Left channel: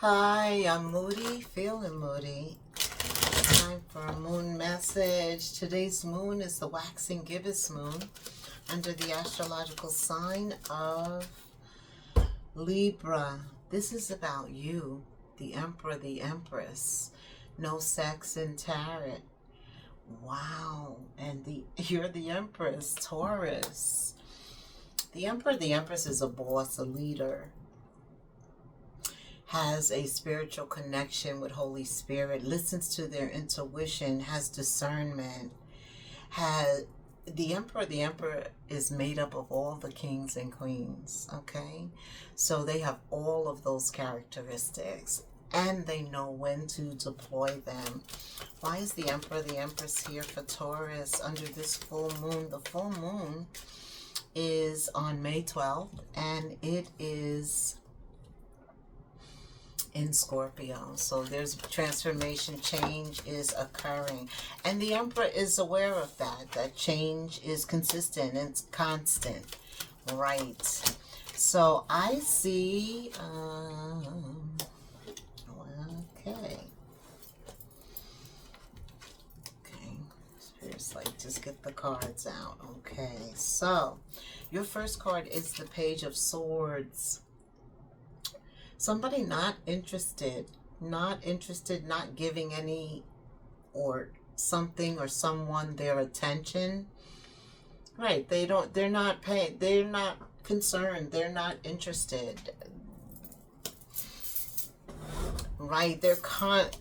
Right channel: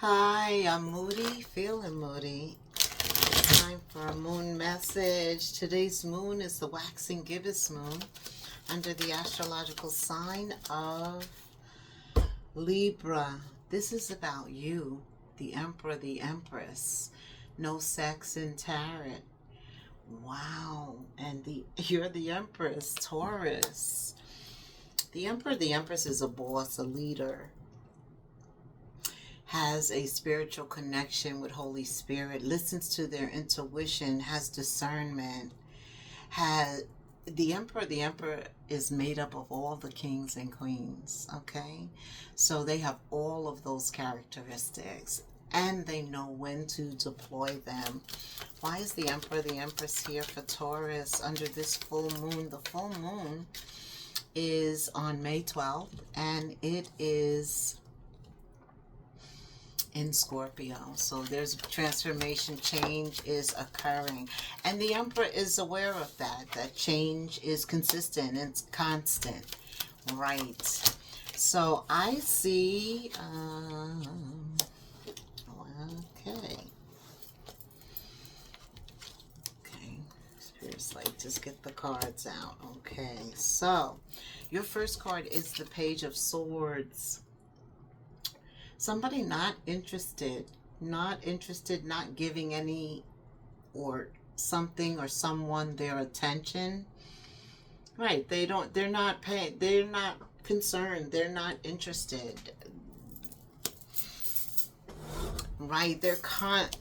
Hi, I'm Moody, feeling moody. Time for a moon message. Today's moon is the waxing gibbous moon under the astrological sign of Libra. This is about you, the Emperor, the Empress. No sex in tarot. Wow. And you're the Empress, Taurus. The Emperor, the Empress is a boss, a leader. Has a spiritual connection with Holy Spirit, listens to their intuition, has discernment, the emperor is made up of all the kings and queens, okay? So they have all of those characteristics and they know when to deploy them. Why is the emperor, the empress here for Taurus under this full moon? The full moon is on May 12th and it is in Scorpio. So there's transformation, change is occurring. And the Emperor is aware of that change is consistent and it's constant. Right. So I see, okay. Spirit's like, just get the cards out. Okay. So your first card is the Page of Swords. Somebody not interested, not giving any or something or someone their attention. Right, they're not paying, they're not concerned, they're not interested. Right, they're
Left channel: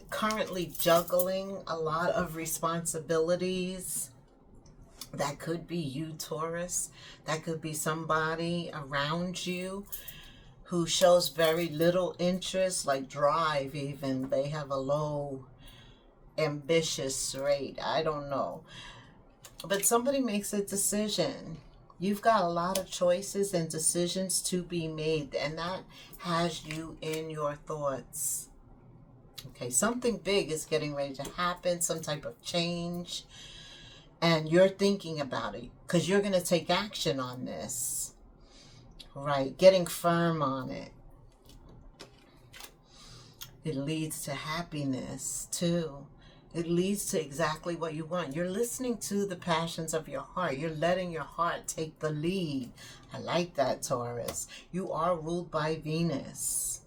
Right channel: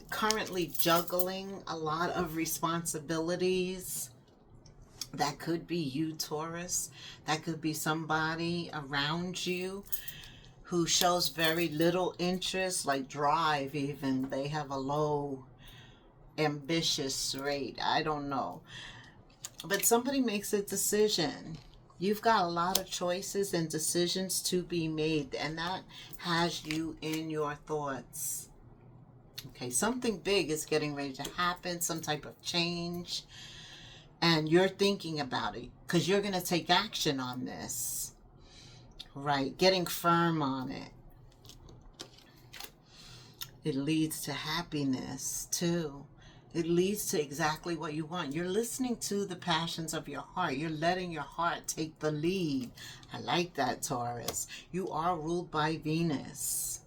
currently juggling a lot of responsibilities. That could be you, Taurus. That could be somebody around you who shows very little interest, like drive even. They have a low ambitious rate. I don't know. But somebody makes a decision. You've got a lot of choices and decisions to be made, and that has you in your thoughts. Okay, something big is getting ready to happen, some type of change, and you're thinking about it because you're going to take action on this. Right, getting firm on it. It leads to happiness too. It leads to exactly what you want. You're listening to the passions of your heart. You're letting your heart take the lead. I like that, Taurus. You are ruled by Venus.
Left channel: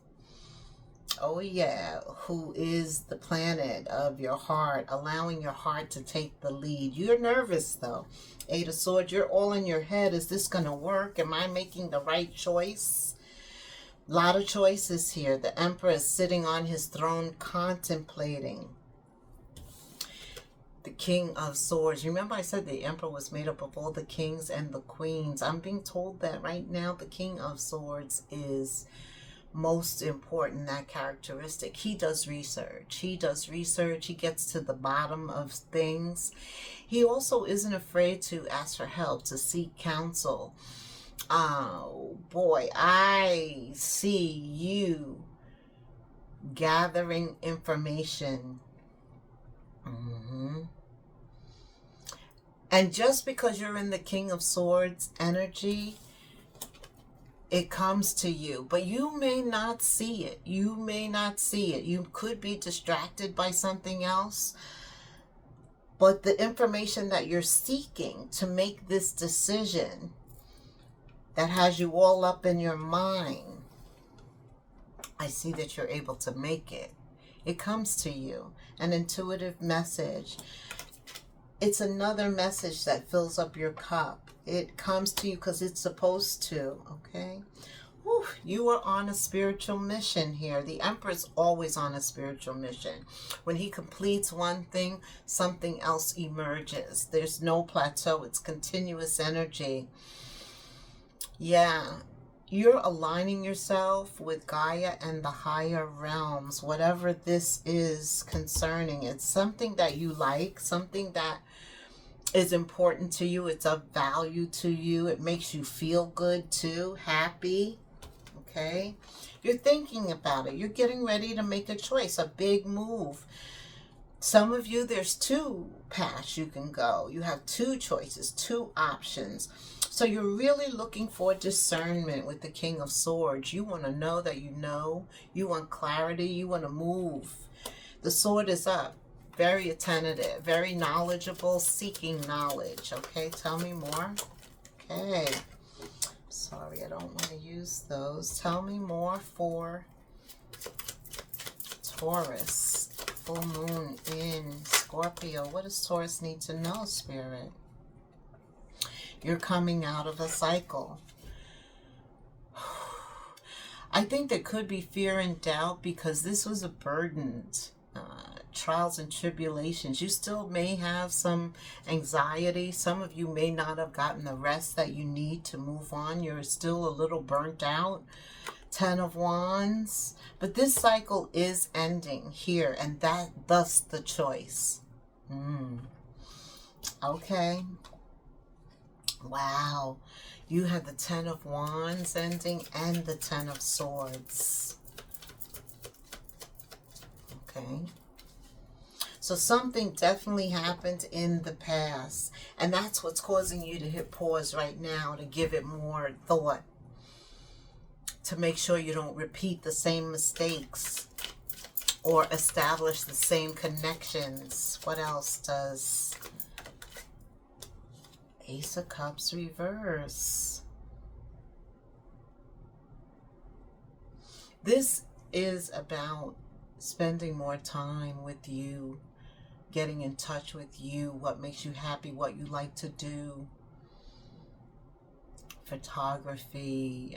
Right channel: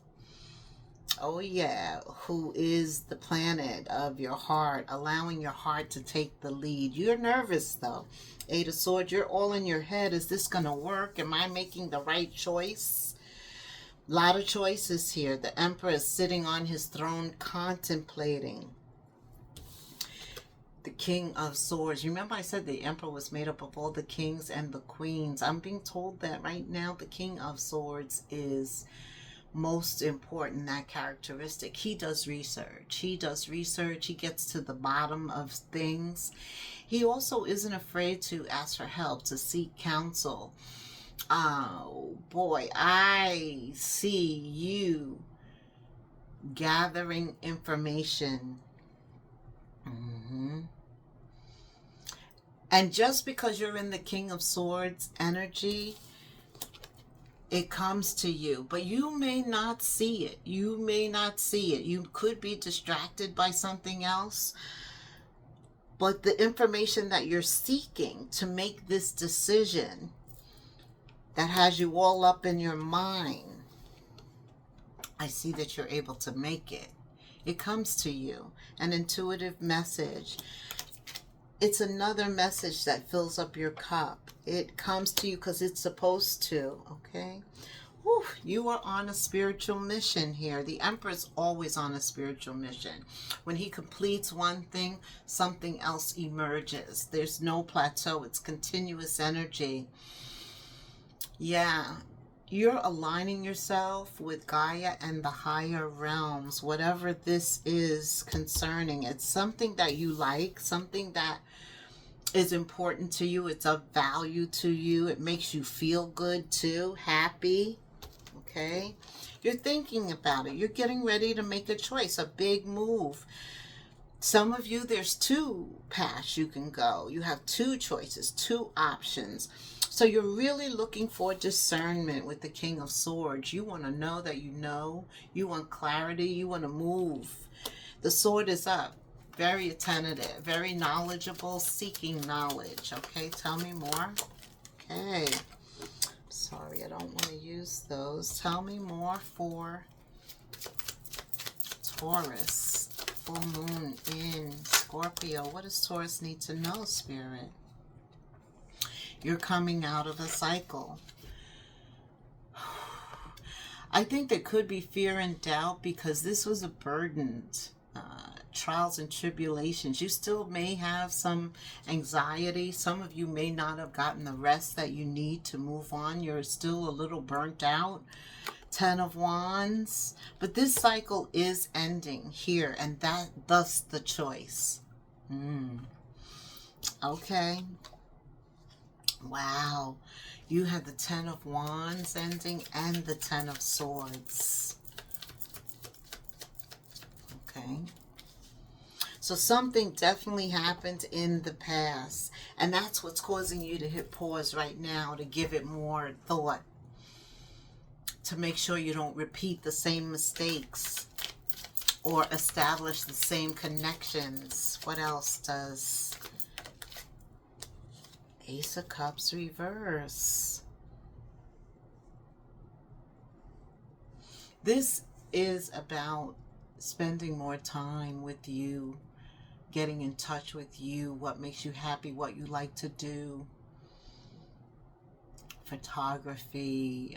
Oh yeah, who is the planet of your heart, allowing your heart to take the lead. You're nervous though. Eight of Swords, you're all in your head. Is this going to work? Am I making the right choice? A lot of choices here. The Emperor is sitting on his throne contemplating. The King of Swords. Remember I said the Emperor was made up of all the kings and the queens. I'm being told that right now the King of Swords is most important, that characteristic. He does research. He gets to the bottom of things. He also isn't afraid to ask for help, to seek counsel. Oh boy, I see you gathering information. And just because you're in the King of Swords energy, it comes to you, but you may not see it. You may not see it. You could be distracted by something else. But the information that you're seeking to make this decision that has you all up in your mind, I see that you're able to make it. It comes to you, an intuitive message. It's another message that fills up your cup. It comes to you because it's supposed to, okay? Whew, you are on a spiritual mission here. The Emperor's always on a spiritual mission. When he completes one thing, something else emerges. There's no plateau. It's continuous energy. Yeah, you're aligning yourself with Gaia and the higher realms, whatever this is concerning. It's something that you like, something that is important to you. It's of value to you. It makes you feel good too, happy. Okay, you're thinking about it. You're getting ready to make a choice, a big move. Some of you, there's two paths you can go. You have two choices, two options. So you're really looking for discernment with the King of Swords. You want to know that you know. You want clarity. You want to move. The sword is up. Very attentive. Very knowledgeable. Seeking knowledge. Okay, tell me more. Okay. Sorry, I don't want to use those. Tell me more for Taurus. Full moon in Scorpio. What does Taurus need to know, Spirit? You're coming out of a cycle. I think there could be fear and doubt because this was a burdened trials and tribulations. You still may have some anxiety. Some of you may not have gotten the rest that you need to move on. You're still a little burnt out. 10 of Wands. But this cycle is ending here, and thus the choice. Okay. Wow. You had the 10 of Wands ending and the 10 of Swords. Okay. So something definitely happened in the past. And that's what's causing you to hit pause right now, to give it more thought. To make sure you don't repeat the same mistakes or establish the same connections. What else does Ace of Cups reverse? This is about spending more time with you, getting in touch with you, what makes you happy, what you like to do. Photography.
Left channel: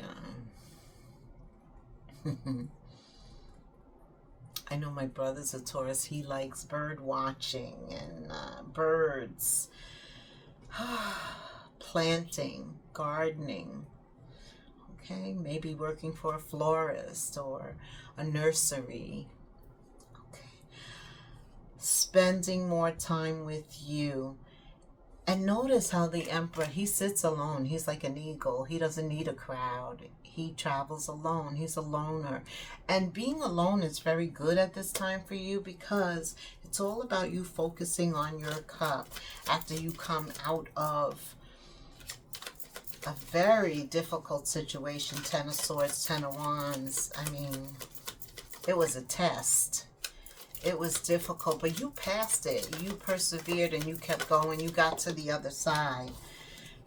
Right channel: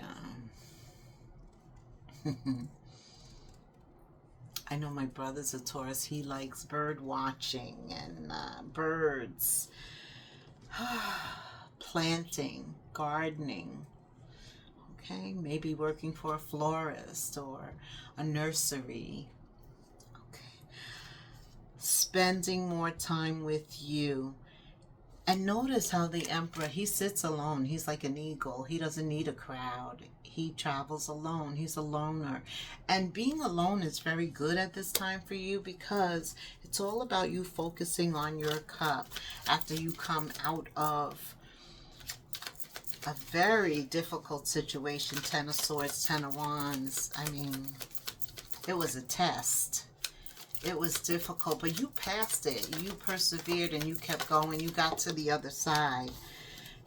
I know my brother's a Taurus. He likes bird watching and birds. Planting, gardening. Okay, maybe working for a florist or a nursery. Okay. Spending more time with you. And notice how the Emperor, he sits alone. He's like an eagle. He doesn't need a crowd. He travels alone. He's a loner. And being alone is very good at this time for you because it's all about you focusing on your cup after you come out of a very difficult situation. 10 of Swords, 10 of Wands. I mean, it was a test. It was difficult, but you passed it. You persevered and you kept going. You got to the other side.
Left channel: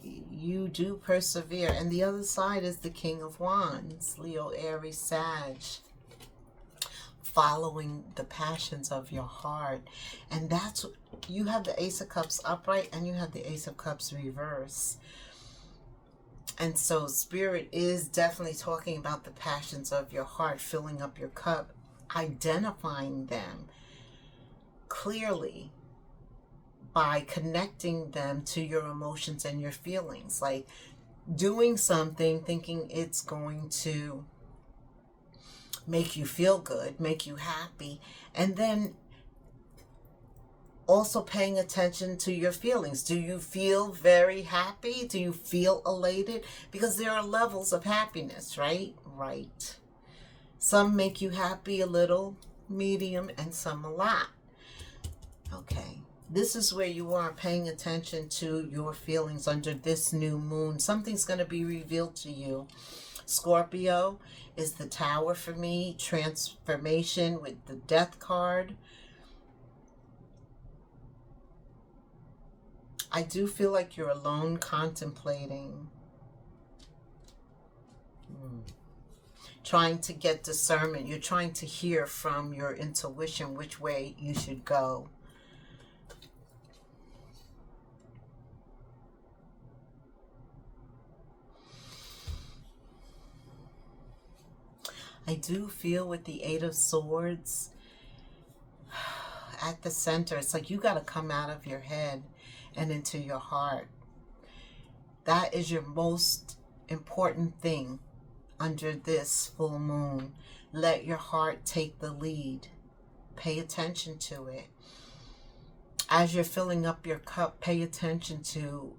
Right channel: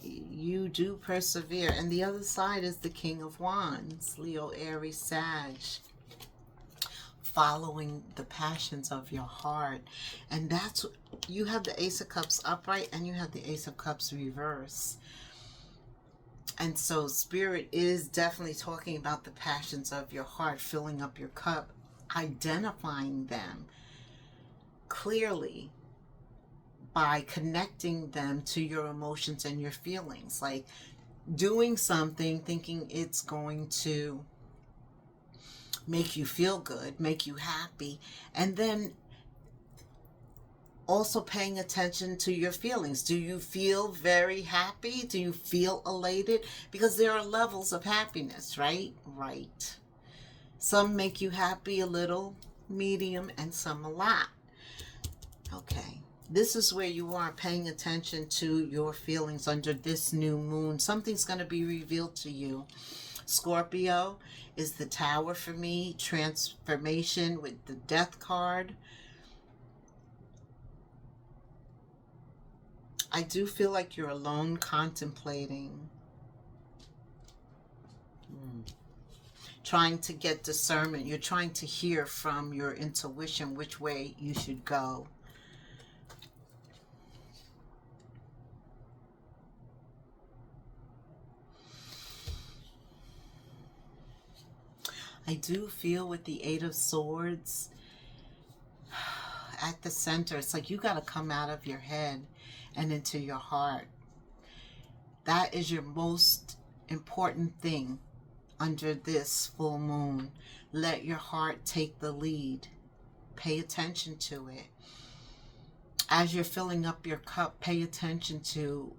You do persevere. And the other side is the King of Wands. Leo, Aries, Sag. Following the passions of your heart. And that's, you have the Ace of Cups upright and you have the Ace of Cups reverse. And so Spirit is definitely talking about the passions of your heart, filling up your cup, identifying them clearly by connecting them to your emotions and your feelings, like doing something thinking it's going to make you feel good, make you happy, and then also paying attention to your feelings. Do you feel very happy? Do you feel elated? Because there are levels of happiness, right? Right. Some make you happy a little, medium, and some a lot. Okay. This is where you are paying attention to your feelings under this new moon. Something's going to be revealed to you. Scorpio is the Tower for me. Transformation with the Death card. I do feel like you're alone contemplating. Trying to get discernment. You're trying to hear from your intuition which way you should go. I do feel with the Eight of Swords at the center, it's like you got to come out of your head and into your heart. That is your most important thing under this full moon. Let your heart take the lead. Pay attention to it. As you're filling up your cup, pay attention to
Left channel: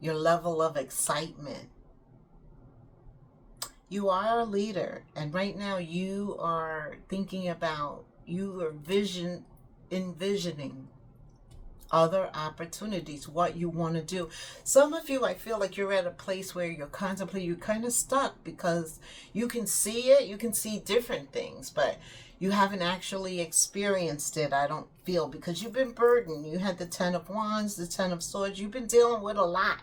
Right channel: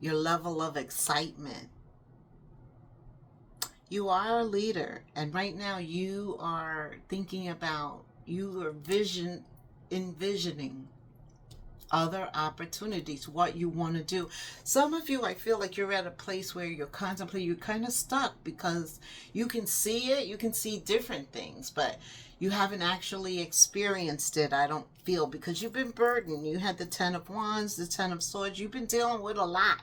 your level of excitement. You are a leader, and right now you are thinking about, you are envisioning other opportunities, what you want to do. Some of you, I feel like you're at a place where you're contemplating, you're kind of stuck because you can see it, you can see different things, but you haven't actually experienced it, I don't feel, because you've been burdened. You had the Ten of Wands, the Ten of Swords. You've been dealing with a lot.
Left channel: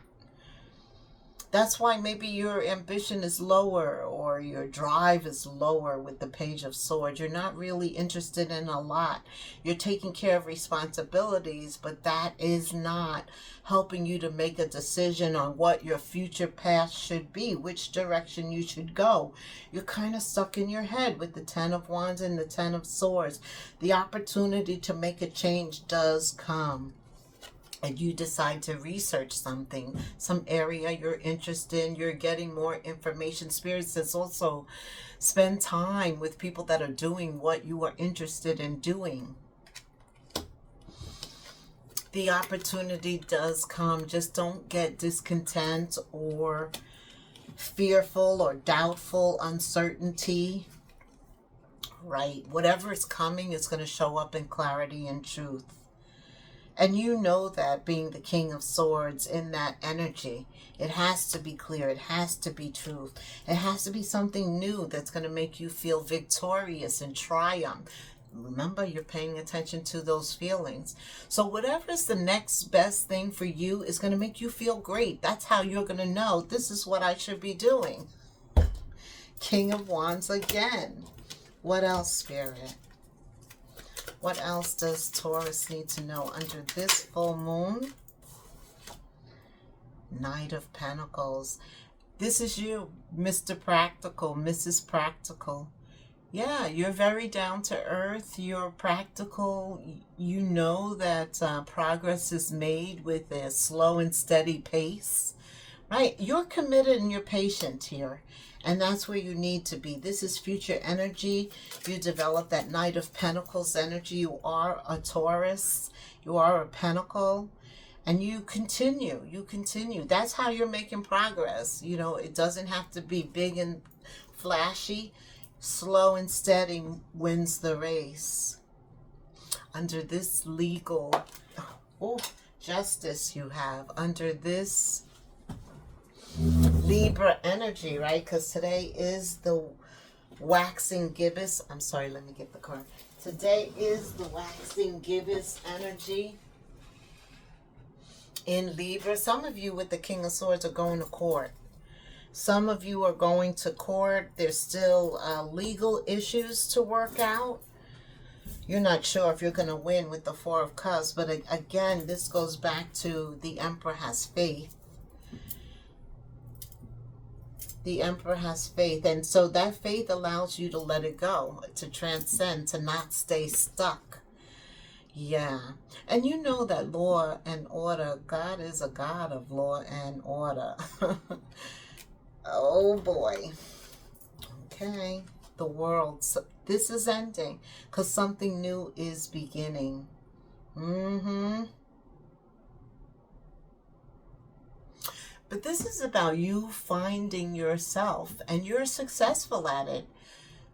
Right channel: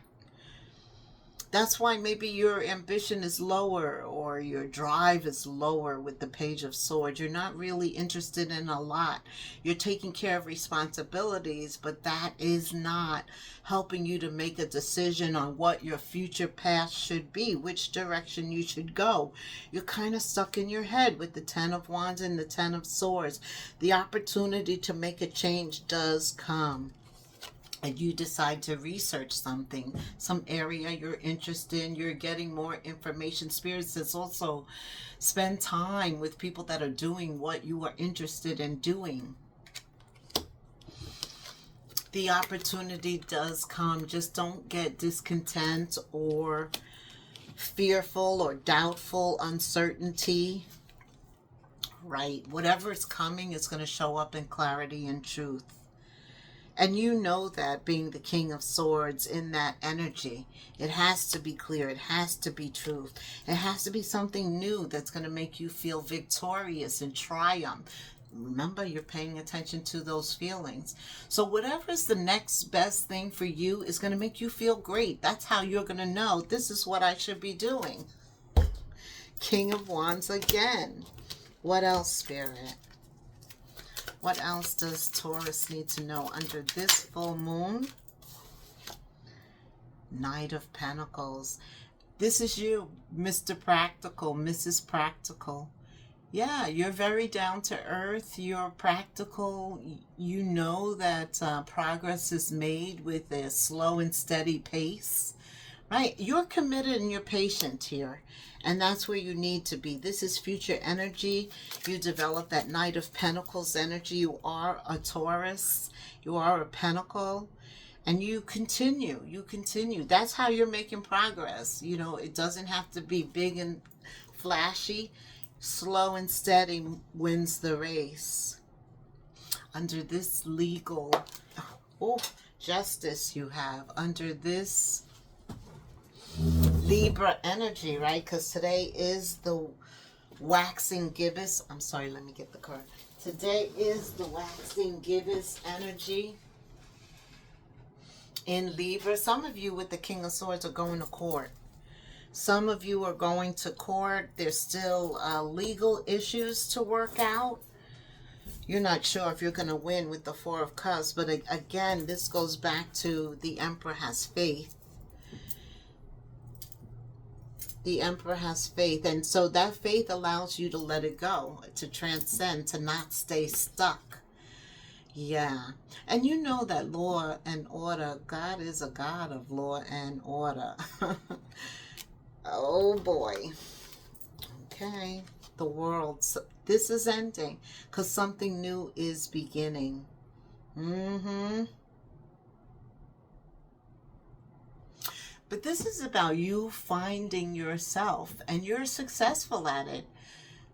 That's why maybe your ambition is lower or your drive is lower with the Page of Swords. You're not really interested in a lot. You're taking care of responsibilities, but that is not helping you to make a decision on what your future path should be, which direction you should go. You're kind of stuck in your head with the Ten of Wands and the Ten of Swords. The opportunity to make a change does come. And you decide to research something, some area you're interested in, you're getting more information. Spirit says also spend time with people that are doing what you are interested in doing. The opportunity does come. Just don't get discontent or fearful or doubtful, uncertainty. Right? Whatever is coming is going to show up in clarity and truth. And you know that, being the King of Swords, in that energy, it has to be clear. It has to be truth. It has to be something new that's going to make you feel victorious and triumph. Remember, you're paying attention to those feelings. So whatever is the next best thing for you is going to make you feel great. That's how you're going to know, this is what I should be doing. King of Wands again. What else, Spirit? What else does Taurus need to know under this full moon? Knight of Pentacles. This is you, Mr. Practical, Mrs. Practical. Yeah, you're very down to earth. You're practical. You know that progress is made with a slow and steady pace. Right? You're committed and you're patient here. And that's where you need to be. This is future energy. You develop that Knight of Pentacles energy. You are a Taurus. You are a Pentacle. And you continue. You continue. That's how you're making progress. You know, it doesn't have to be big and flashy. Slow and steady wins the race. Under this legal, justice you have. Under this Libra energy, right? Because today is the waxing gibbous. I'm sorry, let me get the card. Today is the waxing gibbous energy in Libra. Some of you with the King of Swords are going to court. Some of you are going to court. There's still legal issues to work out. You're not sure if you're going to win with the Four of Cups. But again, this goes back to the Emperor has faith. The Emperor has faith, and so that faith allows you to let it go, to transcend, to not stay stuck. Yeah. And you know that law and order, God is a God of law and order. Oh boy. Okay. The world, this is ending because something new is beginning. But this is about you finding yourself, and you're successful at it.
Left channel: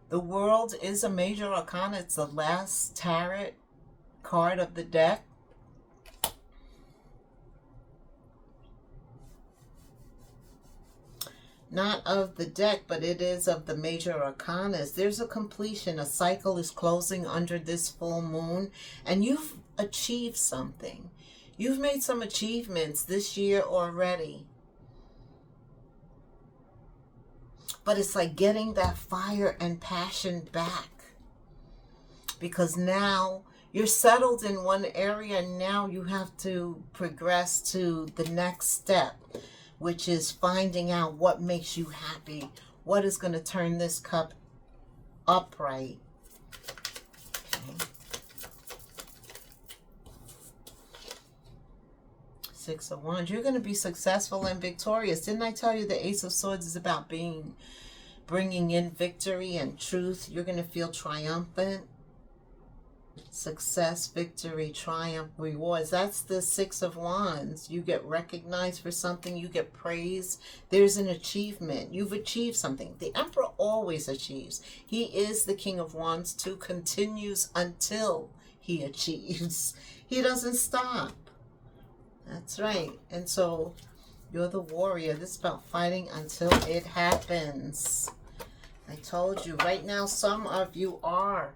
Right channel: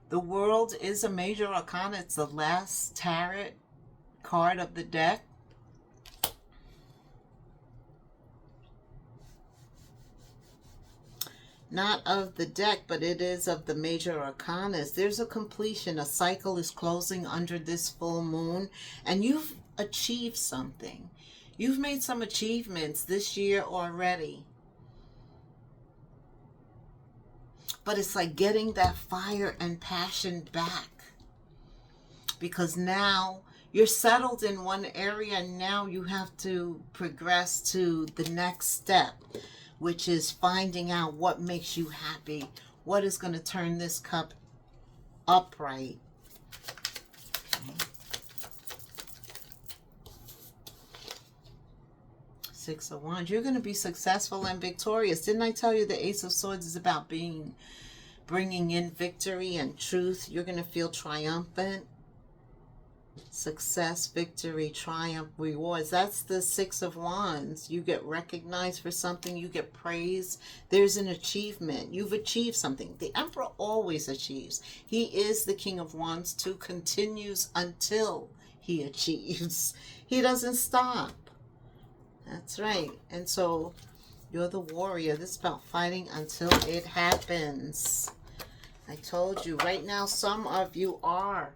The World is a major arcana. It's the last tarot card of the deck. Not of the deck, but it is of the major arcanas. There's a completion. A cycle is closing under this full moon, and you've achieved something. You've made some achievements this year already. But it's like getting that fire and passion back. Because now you're settled in one area, and now you have to progress to the next step, which is finding out what makes you happy. What is going to turn this cup upright? Okay. Six of Wands. You're going to be successful and victorious. Didn't I tell you the Ace of Swords is about bringing in victory and truth? You're going to feel triumphant. Success, victory, triumph, rewards. That's the Six of Wands. You get recognized for something. You get praise. There's an achievement. You've achieved something. The Emperor always achieves. He is the King of Wands too. Continues until he achieves. He doesn't stop. That's right. And so you're the warrior. This is about fighting until it happens. I told you, right now, some of you are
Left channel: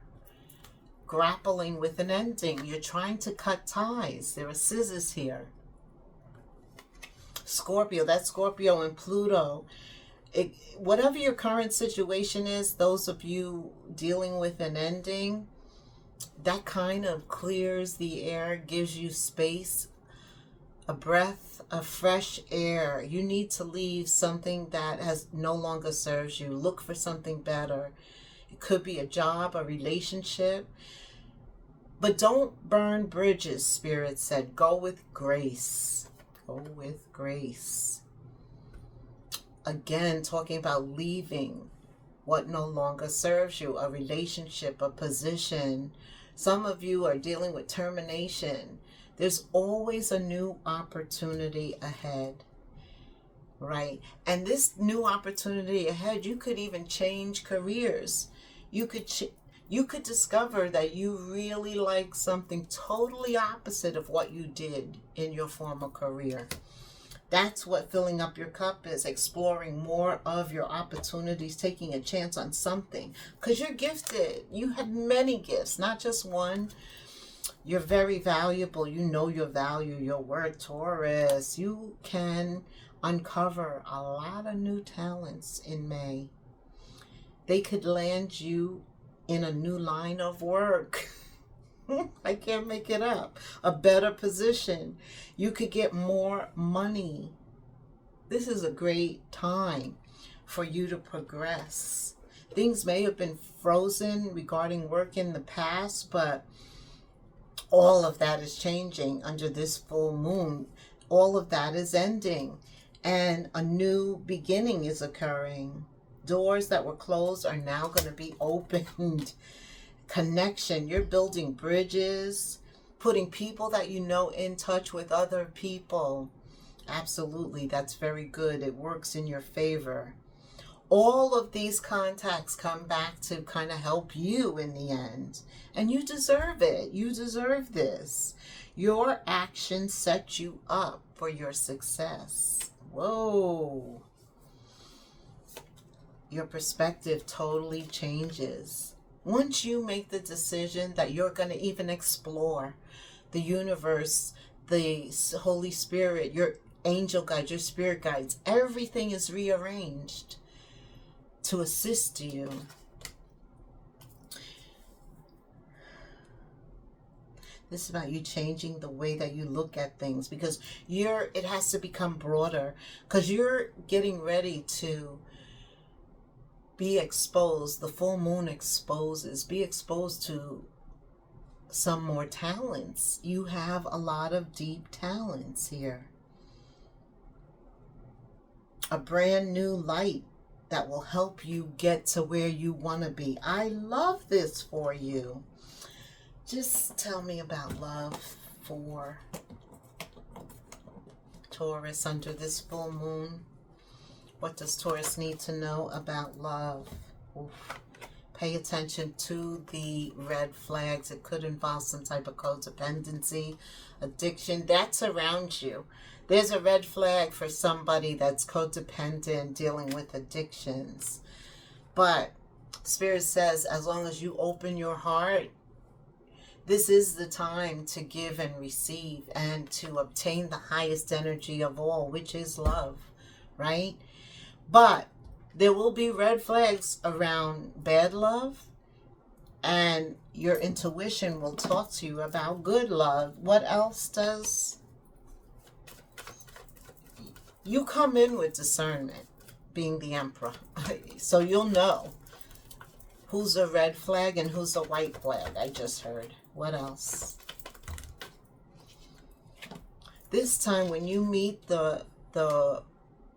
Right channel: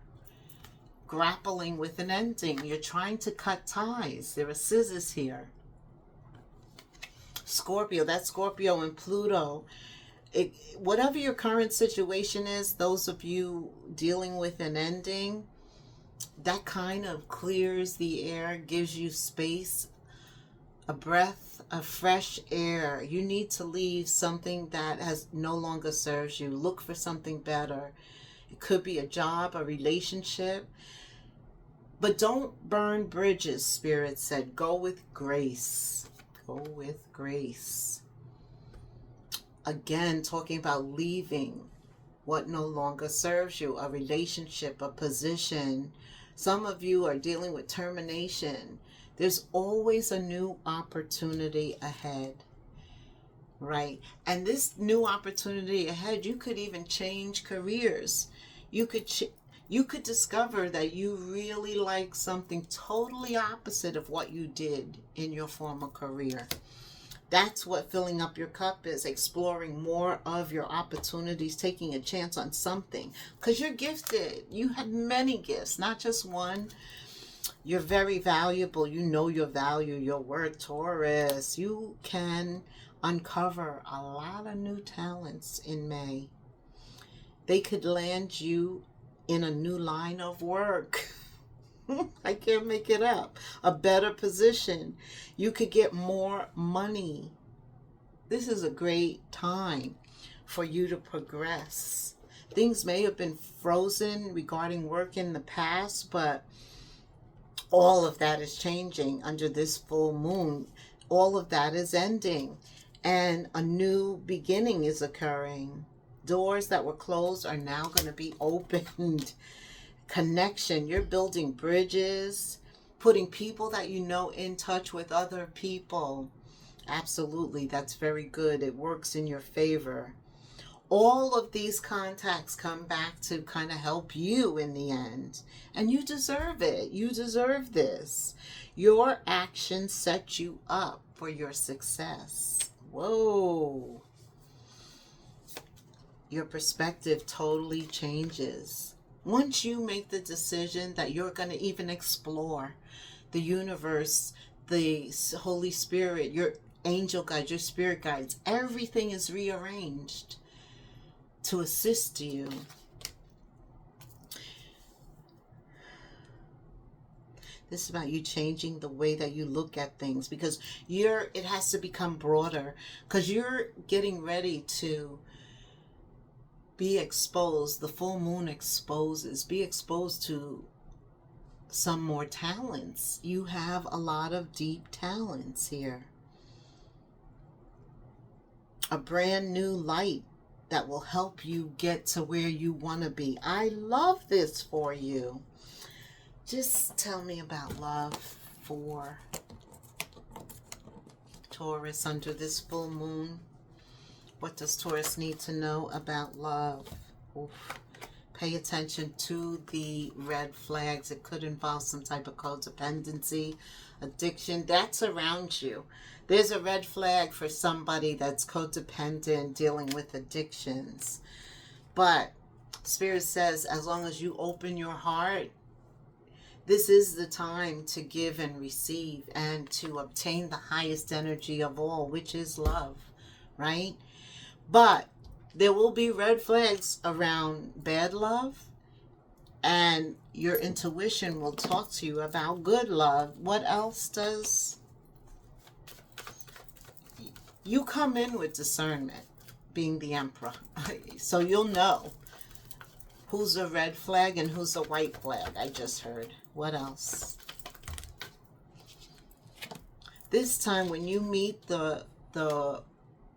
grappling with an ending. You're trying to cut ties. There are scissors here. Scorpio, that's Scorpio and Pluto. Whatever your current situation is, those of you dealing with an ending, that kind of clears the air, gives you space, a breath of fresh air. You need to leave something that has no longer serves you. Look for something better. It could be a job, a relationship. But don't burn bridges, Spirit said. Go with grace. Go with grace. Again, talking about leaving what no longer serves you, a relationship, a position. Some of you are dealing with termination. There's always a new opportunity ahead, right? And this new opportunity ahead, you could even change careers. You could discover that you really like something totally opposite of what you did in your former career. That's what filling up your cup is, exploring more of your opportunities, taking a chance on something. Because you're gifted. You have many gifts, not just one. You're very valuable. You know your value, your worth, Taurus. You can uncover a lot of new talents in May. They could land you in a new line of work. I can't make it up. A better position. You could get more money. This is a great time for you to progress. Things may have been frozen regarding work in the past, but all of that is changing under this full moon. All of that is ending, and a new beginning is occurring. Doors that were closed are now going to be opened. Connection. You're building bridges, putting people that you know in touch with other people. Absolutely, that's very good. It works in your favor. All of these contacts come back to kind of help you in the end. And you deserve it. You deserve this. Your actions set you up for your success. Whoa. Your perspective totally changes. Once you make the decision that you're going to even explore the universe, the Holy Spirit, your angel guides, your spirit guides, everything is rearranged to assist you. This is about you changing the way that you look at things, because it has to become broader, because you're getting ready to be exposed. The full moon exposes. Be exposed to some more talents. You have a lot of deep talents here. A brand new light that will help you get to where you want to be. I love this for you. Just tell me about love for Taurus under this full moon. What does Taurus need to know about love? Oof. Pay attention to the red flags. It could involve some type of codependency, addiction. That's around you. There's a red flag for somebody that's codependent, dealing with addictions. But Spirit says, as long as you open your heart, this is the time to give and receive and to obtain the highest energy of all, which is love, right? But there will be red flags around bad love, and your intuition will talk to you about good love. What else does? You come in with discernment, being the Emperor. So you'll know who's a red flag and who's a white flag, I just heard. What else? This time when you meet the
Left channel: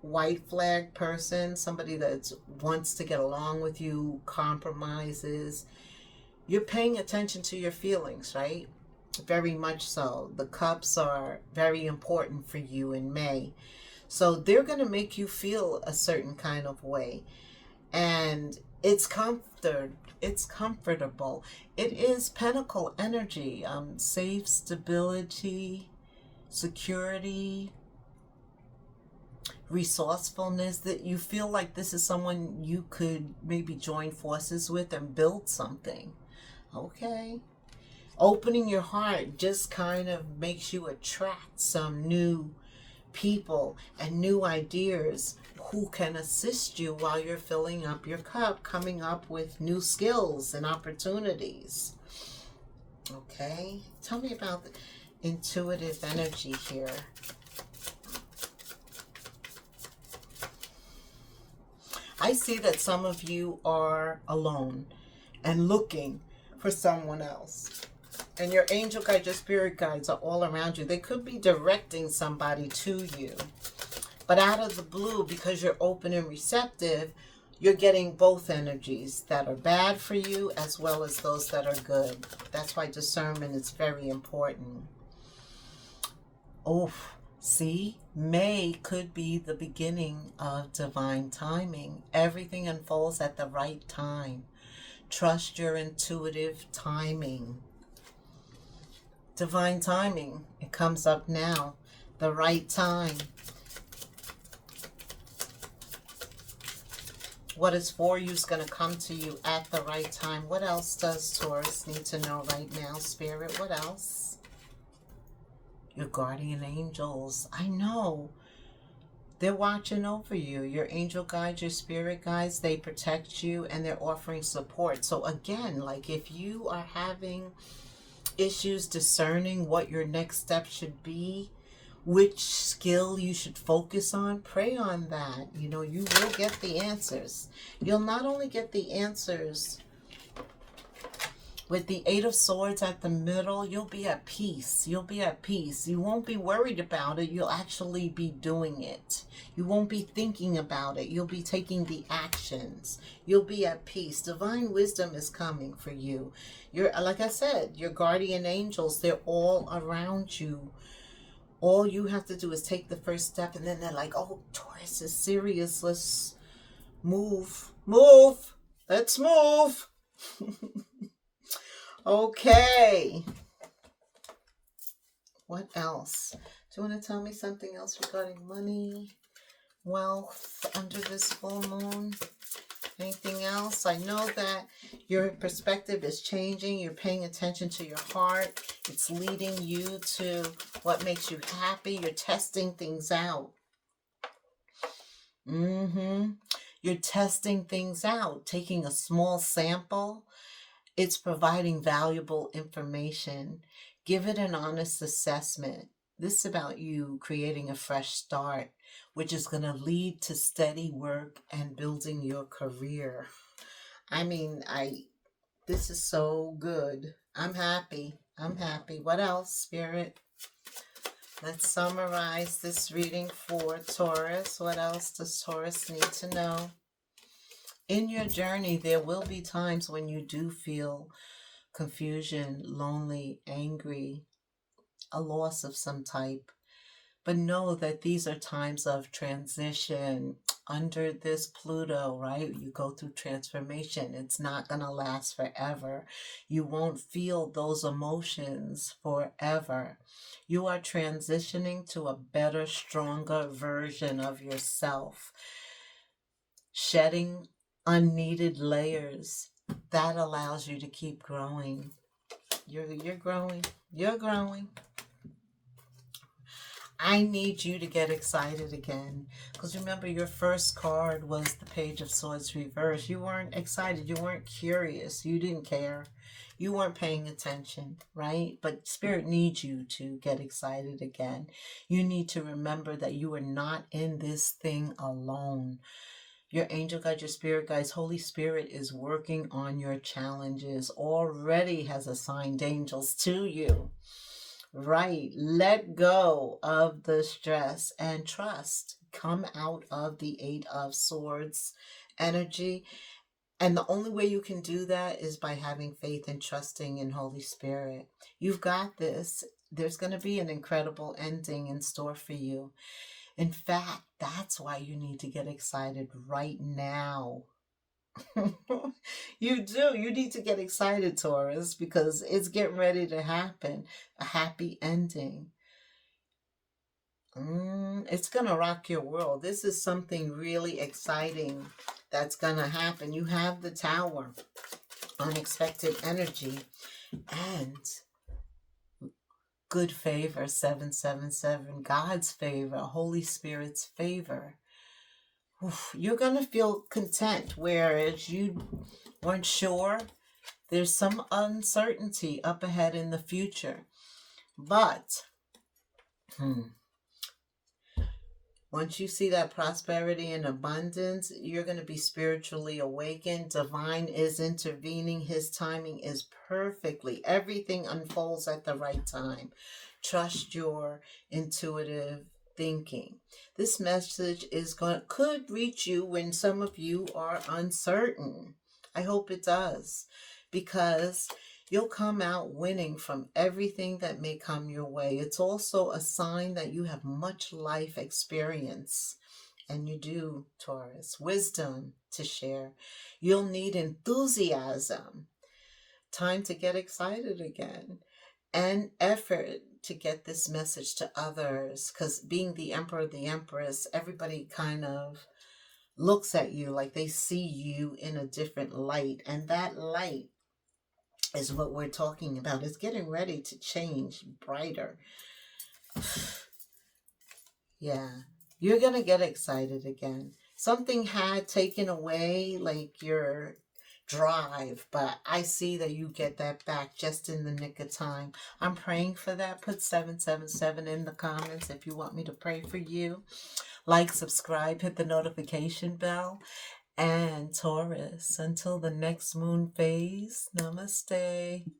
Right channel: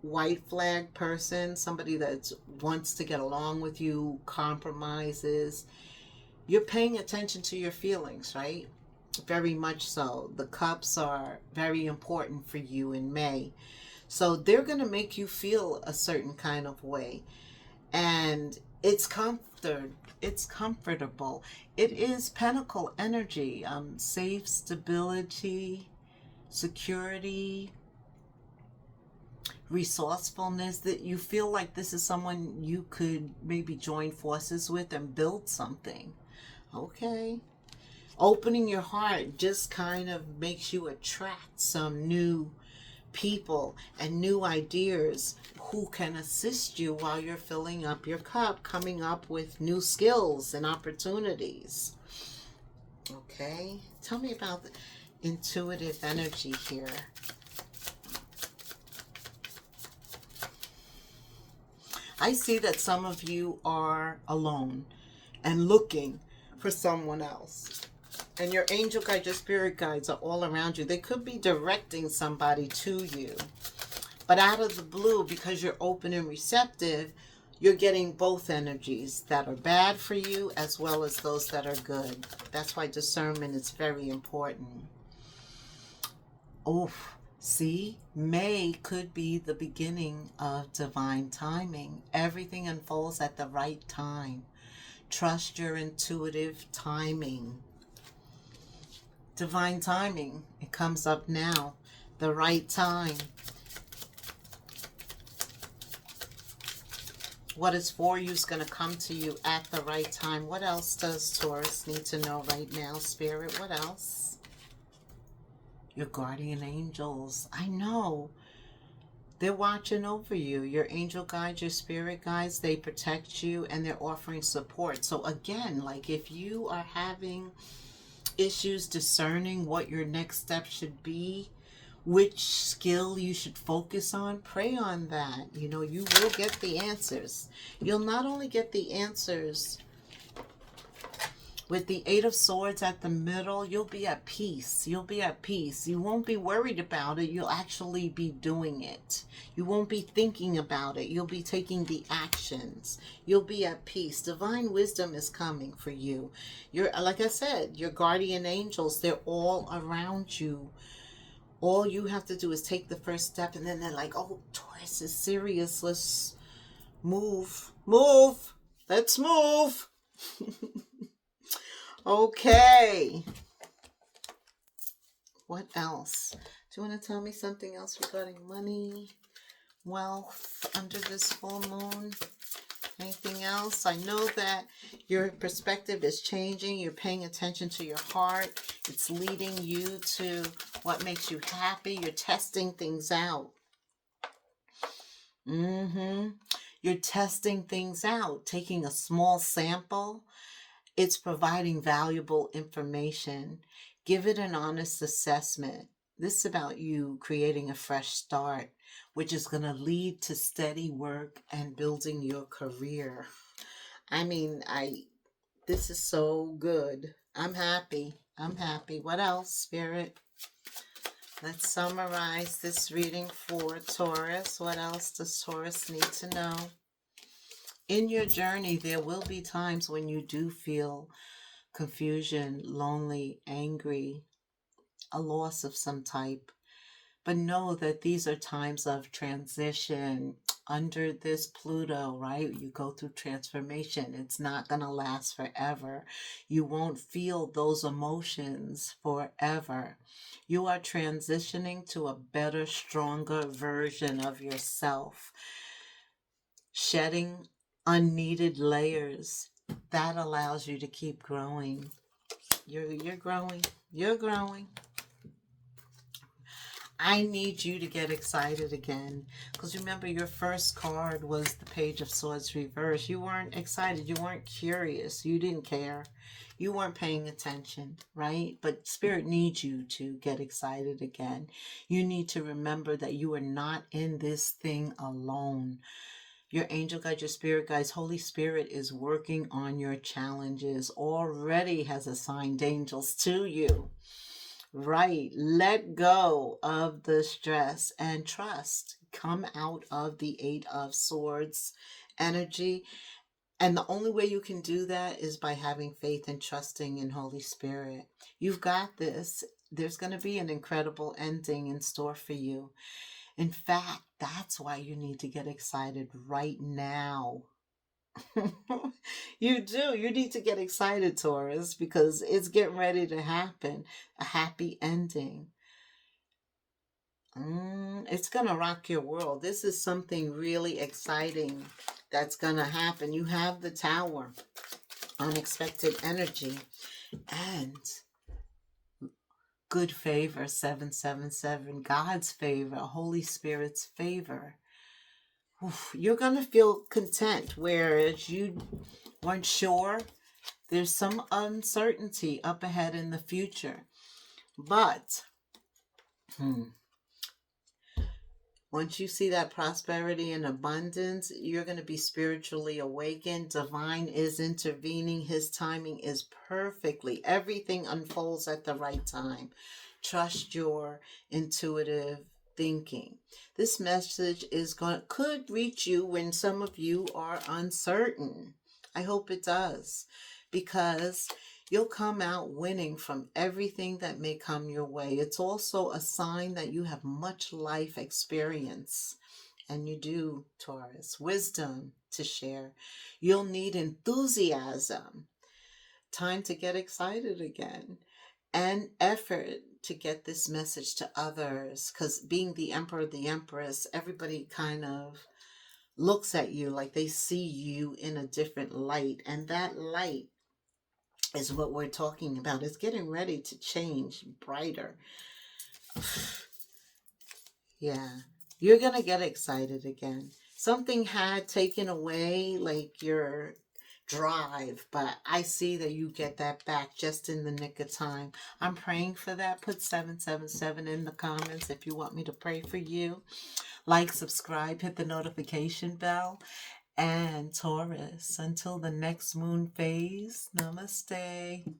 white flag person, somebody that wants to get along with you, compromises, you're paying attention to your feelings, right? Very much so. The cups are very important for you in May. So they're going to make you feel a certain kind of way. And it's comfortable. It is Pentacle energy, safe, stability, security, resourcefulness, that you feel like this is someone you could maybe join forces with and build something. Okay. Opening your heart just kind of makes you attract some new people and new ideas who can assist you while you're filling up your cup, coming up with new skills and opportunities. Okay, tell me about the intuitive energy here. I see that some of you are alone and looking for someone else. And your angel guides, your spirit guides are all around you. They could be directing somebody to you. But out of the blue, because you're open and receptive, you're getting both energies that are bad for you as well as those that are good. That's why discernment is very important. Oh, see, May could be the beginning of divine timing. Everything unfolds at the right time. Trust your intuitive timing. Divine timing, it comes up now, the right time. What is for you is going to come to you at the right time. What else does Taurus need to know right now, Spirit? What else? Your guardian angels. I know. They're watching over you. Your angel guides, your spirit guides, they protect you and they're offering support. So again, like if you are having issues discerning what your next step should be, which skill you should focus on, pray on that. You know, you will get the answers. You'll not only get the answers with the Eight of Swords at the middle, you'll be at peace. You'll be at peace. You won't be worried about it. You'll actually be doing it. You won't be thinking about it. You'll be taking the actions. You'll be at peace. Divine wisdom is coming for you. You're, like I said, your guardian angels, they're all around you. All you have to do is take the first step, and then they're like, oh, Taurus is serious. Let's move. Move. Let's move. Okay. What else? Do you want to tell me something else regarding money, wealth, under this full moon? Anything else? I know that your perspective is changing. You're paying attention to your heart. It's leading you to what makes you happy. You're testing things out. You're testing things out, taking a small sample. It's providing valuable information. Give it an honest assessment. This is about you creating a fresh start, which is going to lead to steady work and building your career. I mean, this is so good. I'm happy. I'm happy. What else, Spirit? Let's summarize this reading for Taurus. What else does Taurus need to know? In your journey, there will be times when you do feel confusion, lonely, angry, a loss of some type. But know that these are times of transition. Under this Pluto, right? You go through transformation. It's not going to last forever. You won't feel those emotions forever. You are transitioning to a better, stronger version of yourself. Shedding unneeded layers. That allows you to keep growing. You're growing. You're growing. I need you to get excited again. Because remember, your first card was the Page of Swords reversed. You weren't excited. You weren't curious. You didn't care. You weren't paying attention, right? But Spirit needs you to get excited again. You need to remember that you are not in this thing alone. Your angel guides, your spirit guides, Holy Spirit is working on your challenges, already has assigned angels to you. Right. Let go of the stress and trust. Come out of the Eight of Swords energy. And the only way you can do that is by having faith and trusting in Holy Spirit. You've got this. There's going to be an incredible ending in store for you. In fact, that's why you need to get excited right now. You do. You need to get excited, Taurus, because it's getting ready to happen. A happy ending. It's going to rock your world. This is something really exciting that's going to happen. You have the Tower, unexpected energy, and good favor, 777, God's favor, Holy Spirit's favor. Oof, you're going to feel content, whereas you weren't sure. There's some uncertainty up ahead in the future. But once you see that prosperity and abundance, you're going to be spiritually awakened. Divine is intervening. His timing is perfectly. Everything unfolds at the right time. Trust your intuitive thinking. This message could reach you when some of you are uncertain. I hope it does, because you'll come out winning from everything that may come your way. It's also a sign that you have much life experience. And you do, Taurus. Wisdom to share. You'll need enthusiasm. Time to get excited again. And effort to get this message to others. Because being the emperor, the empress, everybody kind of looks at you like they see you in a different light. And that light is what we're talking about. It's getting ready to change brighter. Yeah, you're going to get excited again. Something had taken away like your drive, but I see that you get that back just in the nick of time. I'm praying for that. Put 777 in the comments if you want me to pray for you. Like, subscribe, hit the notification bell. And Taurus, until the next moon phase, namaste.